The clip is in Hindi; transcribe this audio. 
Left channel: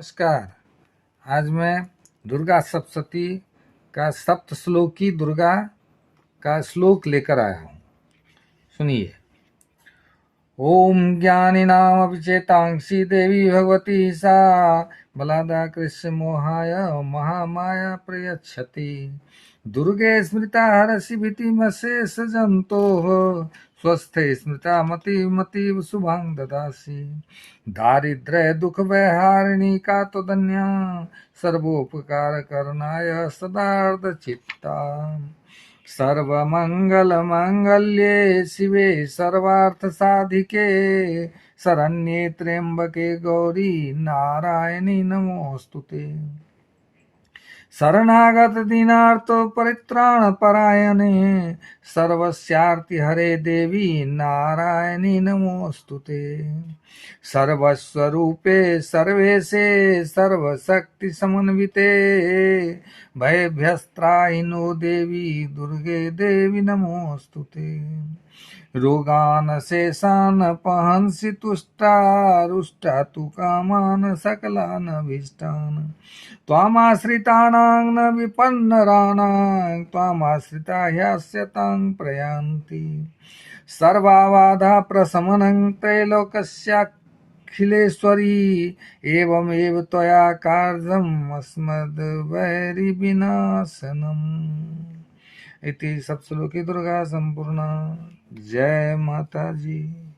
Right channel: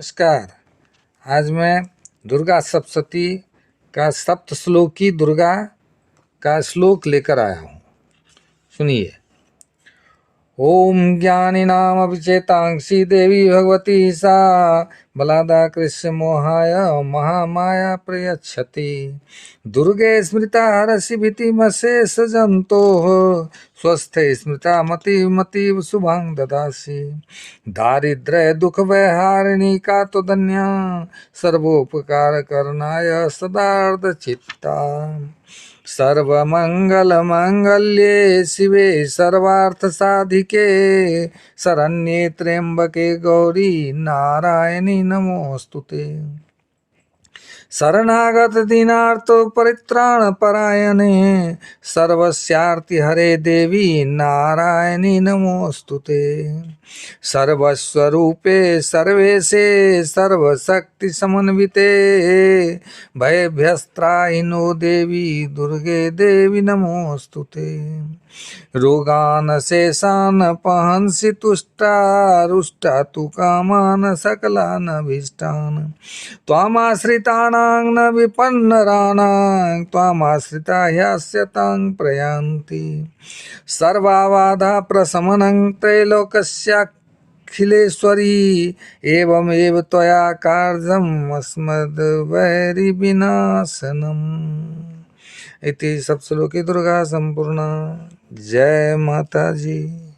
नमस्कार। आज मैं दुर्गा सप्तशती का सप्तश्लोकी दुर्गा का श्लोक लेकर आया हूँ। सुनिए। ओम ज्ञानिनामपि चेतांसि देवी भगवती सा बलादा कृष्ण मोहाय महामाया प्रयच्छति दुर्गे स्मृता हरसि भीतिमशेष जन्तोः स्वस्थे स्मृता मतिमतीव शुभं ददासि दारिद्र्य दुख वैहारिणी का तो धन्या सर्वोपकार करनाय सदार्थ चित्ता सर्वमंगल मंगल्ये शिवे सर्वार्थ साधिके शरण्ये त्र्यंबके गौरी नारायणी नमोस्तुते शरणागत दीनार्थ परित्राण परायणे सर्वस्यार्ति हरे देवी नारायणी नमोस्तुते सर्वस्वरूपे सर्वेशे सर्वशक्ति समन्विते भयभ्यस्त्राहिनो देवी दुर्गे देवी नमोस्तुते रोगान शेषान पहंसि तुष्टा रुष्टा तु कामान सकलान भीष्टान त्वामाश्रितानां न विपन्नराणां त्वामाश्रिता ह्यास्यतां प्रयान्ति सर्वाबाधा प्रशमनं त्रैलोक्यस्याखिलेश्वरी एवमेव त्वया कार्यम् अस्मद्वैरिविनाशनम् इति सप्तश्लोकी दुर्गा संपूर्णा। जय माता जी।